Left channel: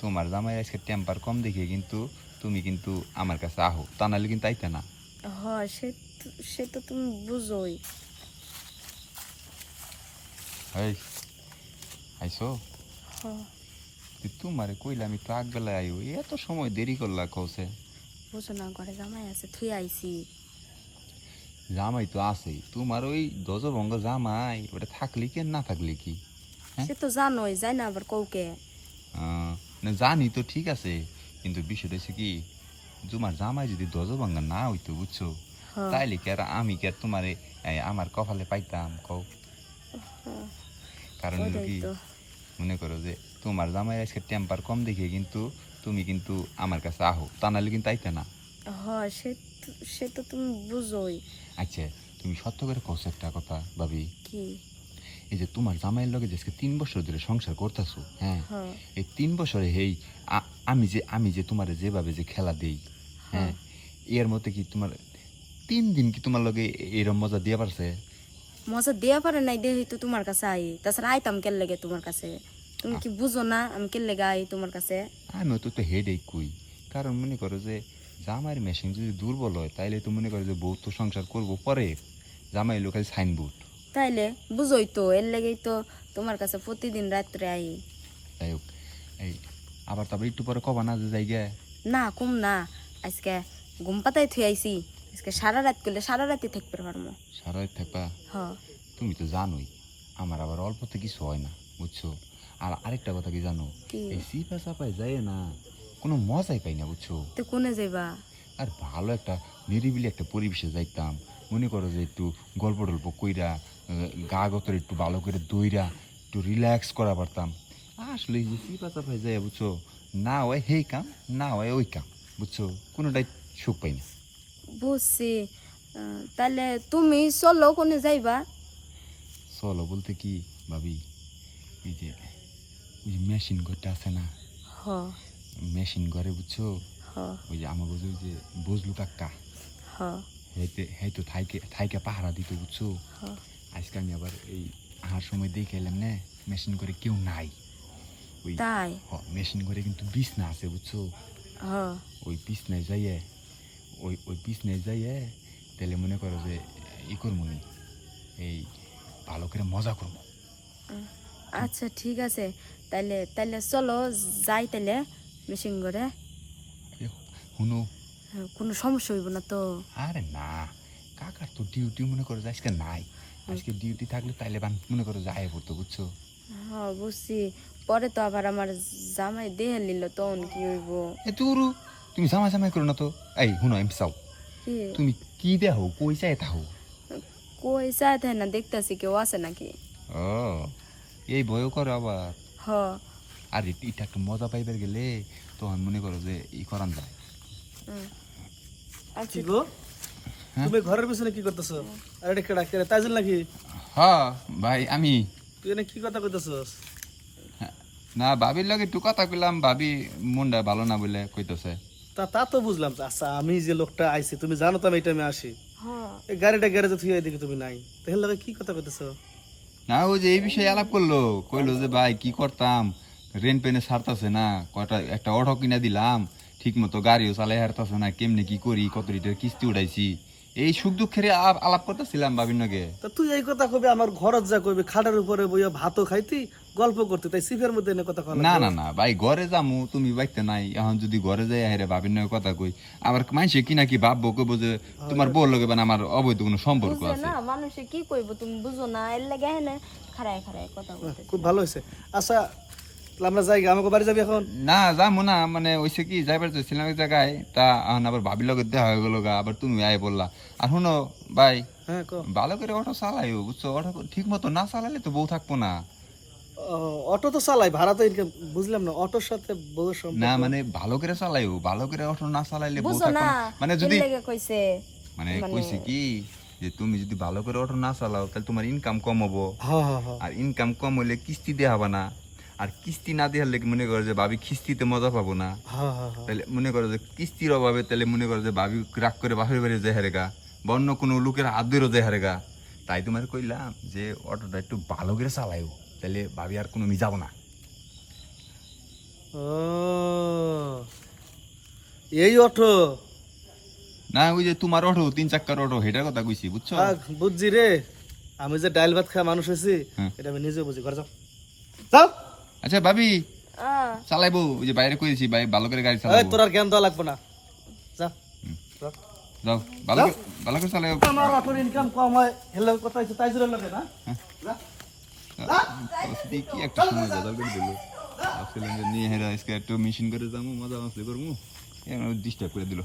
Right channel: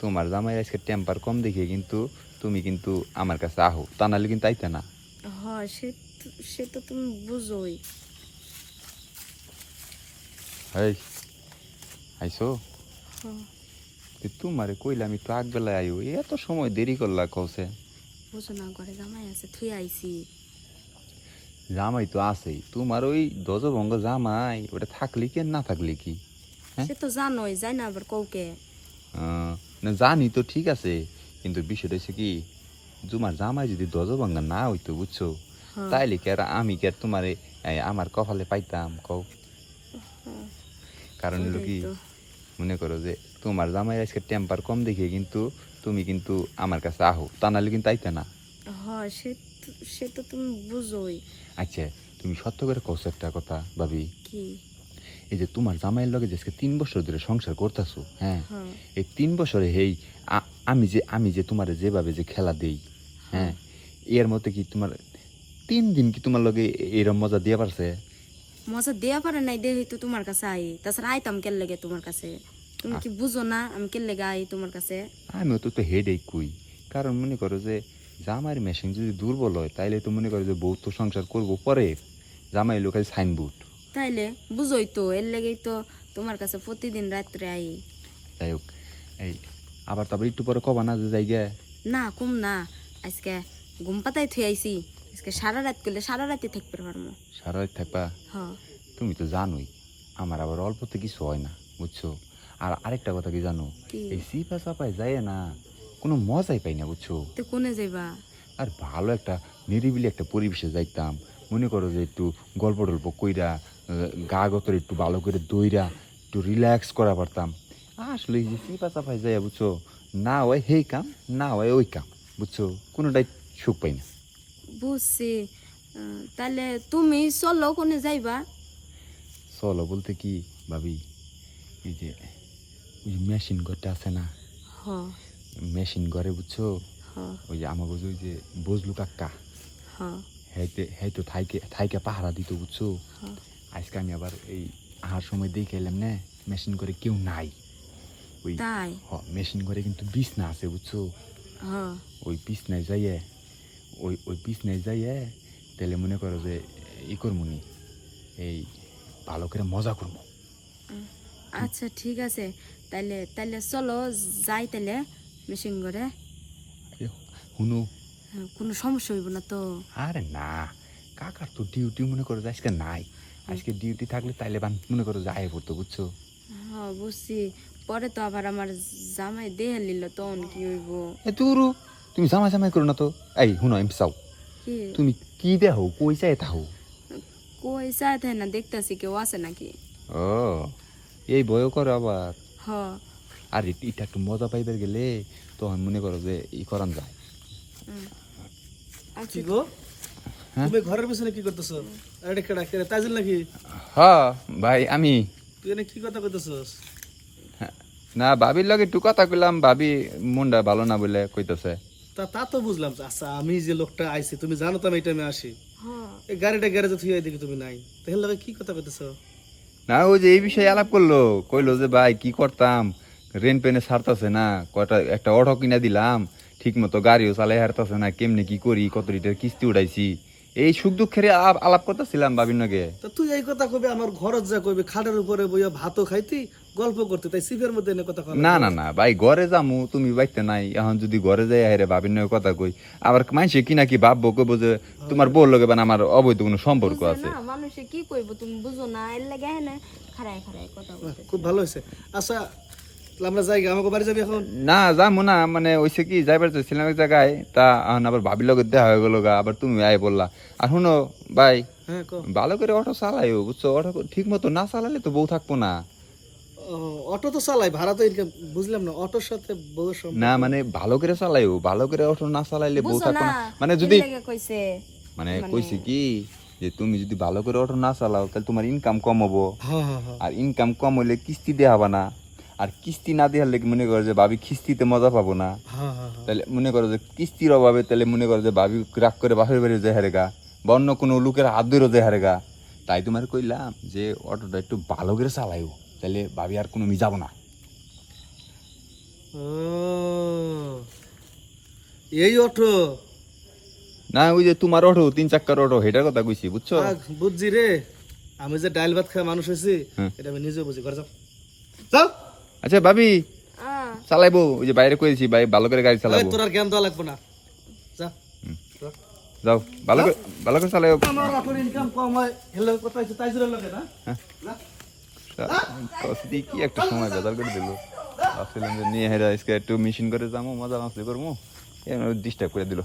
তোমার জামাই আজকে টেম্পার কম দেখে কিন্তু তুমি কিন্তু আমার কাছে আহো, তা নাহলে কিন্তু আইতে না। হ সে তো তুমি বুঝোই। এই আইসো, হ তোমারে কইলাম একটু আগ বেলায় আইও, এত সময় দেরি করলা কসে। বুঝো না, ঘরে জামাই আছে, থুই আইছি। জামাই তো আছেই, তোমার ওই দজভঙ্গ জামাই ওটা থাকলে কি আর না থাকলে কি? হ্যাঁ? সে তো জানোই, যাই না আবার কৌকে। না জানি তো ঠিক আছে, কিন্তু বিষয়টা হচ্ছে কি, তোমার জামাই যদি দজভঙ্গা না হইতো বুঝছো, হ তাইলে কি আর আমি কি আর তোমারে আমার কপালে পাইতাম কও? কারণ হলো ওইটাই কি, তো। মনে করো যে তোমার জামাই আজকে টেম্পার কম দেখে কিন্তু তুমি কিন্তু আমার কাছে আহো, তা নাহলে কিন্তু আইতে না। হ সে তো তুমি বুঝোই। আচ্ছা, তুমি সত্য করে কইছো একটা কথা ভাবি, কি? এই যে তোমার জামাইয়ের লগে আজকে 3 বছর ধরে সংসার করতেছো, হ্যাঁ, হ এই 3 বছরে হেই আমি যে তোমারে যেভাবে যে খেলা দেই, হ হ্যাঁ, এর মধ্যে কি তোমার 3 দিন কি তোমার লগে এরম মজা দিয়ে পারছে? মজা দেয়া পারে নাই, দেহি তো তোমার কাছে আই। তাছাড়া আইতাম কেন লেগে তোমার কাছে? তুমি কি বুঝো না আমি কেন লেগে আই তোমার কাছে? আমিও তো হেডেই কই, কারণ মনে করো যে জামাইয়ের মেশিন যদি দুর্বল হয় তাইলে তো মনে করো যে বউ তো সংসার করবো পরে, জামাই লোকাল সাইনবোর্ড। তাইলে বুঝোই তো, এর লেগেই তো তোমার কাছে প্রতিদিন রাত্রে আই। যাই হোক, এই আবার তবে একটু পরে কবা না যে জায়গা? না কম না, আজকে ঘুম পাতায় থুই আইছি। আজকে সারা রাত করলে সারা রাতে থাকতে পারবো। সারা রাত থাকবা? হ তুমি তো জানোই আমার আবার অল্পতে কিছু হয় না বুঝছো। আর আরেকটা কথা কি জানো, কি? এই সিপা চাপায় যায় না, কোনো মজাই পাই না বুঝছো। তো কোনে যাইবা? আর ভালো একটা নিরিবিলি একটা পরিবেশে যাইতাম, মনে করো যে একটু গল্প টল্প কইরা গা গতরে একটু ভালো করে দইরা একটু রিল্যাক্স করা পারতাম। আসলে এই যে সিপা চাপায় যায় বুঝছো, না হয় হেই কাম, না হয় ওই কাম, বুঝছো, কোনোটাই সুখ পাই না। বুঝছি। তাহলে তুমি চলো, কোনে যাইবা? চলো বলতে কি ভাবি, এই যে ওই মেশিন ঘরটা আছে না, হ মেশিন ঘরে বুঝছো, হ ওই যে আমার বুঝো ওই যে বজলু কাকা, হ হ্যাঁ তো থাইকে থাইকে পাহারা দিত বুঝছো। হ আজকে আমি আবার এই আহার সময় দেখে এলাম না, মেশিন করে কেউ নাই। ওই তাই? মেশিন করে কিন্তু বিছনা আছে বুঝছো, হ ওই বিছনায় যাইয়ে, ওই বিছনায় যাইয়ে তাহলে মনে করো যে ই করবো, এই ভালো করে মজা করবো। আচ্ছা ঠিক আছে, তাইলে তাইলে চলো যাই তাইলে মেশিন করে। শুনো, কোনো সমস্যা হইব না তো? আরে না, কাকার তো ডিউটি মনে করো যে আজকে নাই, আজকে ডিউটি থাকলে তাইলে বান মনে করো যে আয় পড়তো বুঝছো। হ্যাঁ বুঝছি, পরে তো আবার আমার জামাই দেহে নিল, তখন কি হইব? এ তুরু, তুমি জামাই জামাই করো না তো। এই শুনো এম চাও, কি? তুমি কি দেহো কই চাই তাহো? কই চাই তাই না, দেখতেছি কেউ আছে নাকি। ও, এই বয় করে আবার। হ আর এটা একটু মজা পাইবার গেলে তখন মনে করো যে ই করান যায়। আচ্ছা। কি গো, তুমি ঘরের পিছনে কি করতেছ? আর এটা কেডা কেডা তাইজুল নাকি? হ্যাঁ ভাই আমি, তুই এনে কি কথা কইতেছস? না ভাবির লগে একটু কথা কইলাম, ভাবি মুন্ডা ভালো না বলে কইতাছে। তা তা তো বুঝলাম। আচ্ছা, আমি যে লোকটা আইছি তুমি জানো তো আমি এই টাইমে আসি। হ্যাঁ এই গাড়িটা গ্যারেজে থুই দেখি তুমি নাই, তাহলে লগে কি কথা কইতেছ? না ওই যে এই বিষয়ে আলাপ করলো, কইলো যে ভাই কি করতাম, রেন পেনে ছাড়তাছে না, কয়টা একটা অটো কিনা দিলাম, ঠিক মতো গাড়িও চালাই হারতাছে না, কেমনে কি করি, কত লিটার কিস্তি উঠাইছি, এই সুখ দুঃখের আলাপ করতেছিলাম ভাবির লগে। তা তুই এই কথা কবি আমার ঘরত যা কবি, খাটের উপরে বইয়া ভাতও খাইতি, গল্প করতে, তাই সিফের মধ্যে এনে কথা কলা? না না না ভাই, ঘরে যামু, তুমি বাইতে নাই, এখন যদি ঘরে যাই হারে ভাবির লগে কথা কই, আবার মানুষে কি নাকি ভাববো, কইবো যে তোমার বউর লগে বান আমার অবৈধ কোনো সম্পর্ক বুঝলে আছে। না, মানুষে কি কইব তুমি বুঝো না, এর লাগে হ্যাঁ খারায় খারায় কথা বলতে। খুব ভালো হয়েছে। আচ্ছা তাহলে আমরা যাই, আমাকে বাড়ি যাবি এখন? না যামু না, মানে ওইসে কি যাইবার চাইছিলাম এক জায়গায়, তা এখন আবার ভাবির লগে দেখা হয়ে গেল গা, আবার তুমি আয় বললা। আর শুনো ভাই, হ্যাঁ ক। ভালো করে অটো চালাইও বুঝছো, অটো ঠিক মতো না চালালে তো বউ থাকবো না। অটো তো চালাই, ভাড়া তো ইনকাম, বুঝলাম না অটোর সাথে বউয়ের না সম্পর্ক। মানে ভালো করে চালাইও, ভালো করে অটো না চালাইলে বউ বুঝো থাকবো না, না। মানে এর যদি লাগে কইছে। মানে কইছি কি, যে তুমি যদি ভালো করে অটো না চালাও তাহলে তোমার ইনকাম কম হবো, হ্যাঁ হ্যাঁ হ্যাঁ। আর ইনকাম কম হলে কিস্তি দেওয়া হবে না, আর কিস্তি না দেওয়ার লেগে মনে করো যে ভাবি কিস্তিতে মজা পাবো না, হ্যাঁ হ্যাঁ হ্যাঁ। তাহলে মনে করো যে কিস্তির অভাবে তাহলে মনে করো যে ভাবি রাগ করে বাপের বাড়ি যায় হারেগা, বা অন্য কোনো লোকের হাত ধরে যায় হারেগা। তাই তোমার কইলাম যে অটোটা একটু ভালো করে চালাইও, তাহলে ভাবি আর কোনো যাবো না। ও এই অটো না ওই যে তোমার অটো 3 চাক্কার অটো হেটার কথা কইছি বুঝছো বুঝছি রে, আমি যে ডাইল ভাত খাওয়া মানুষ হয়েছি হুম। এটা আমি নিজে বুঝি। ঘরে যাও যাও। আচ্ছা ভাবি আহ, চালাইবো ওই যে বাইরে কইছি ভাই ভালো করে গাড়ি এই, চালাবো তোর আর জ্ঞান দেওয়া লাগবে না, যা যা। যাও ভালো করে চালাইও আমার অটোর ইনকাম কম হয়, হেলে কথা হচ্ছে তাই জন্য লাগে না। যা। কসদি কি একটা সময় বাজার করে দিল আসলে নিয়ে হেরা আজকে একটু মেশিন করে যাবো মজা মাসলি করবো ডিস্টার্ব করে দিল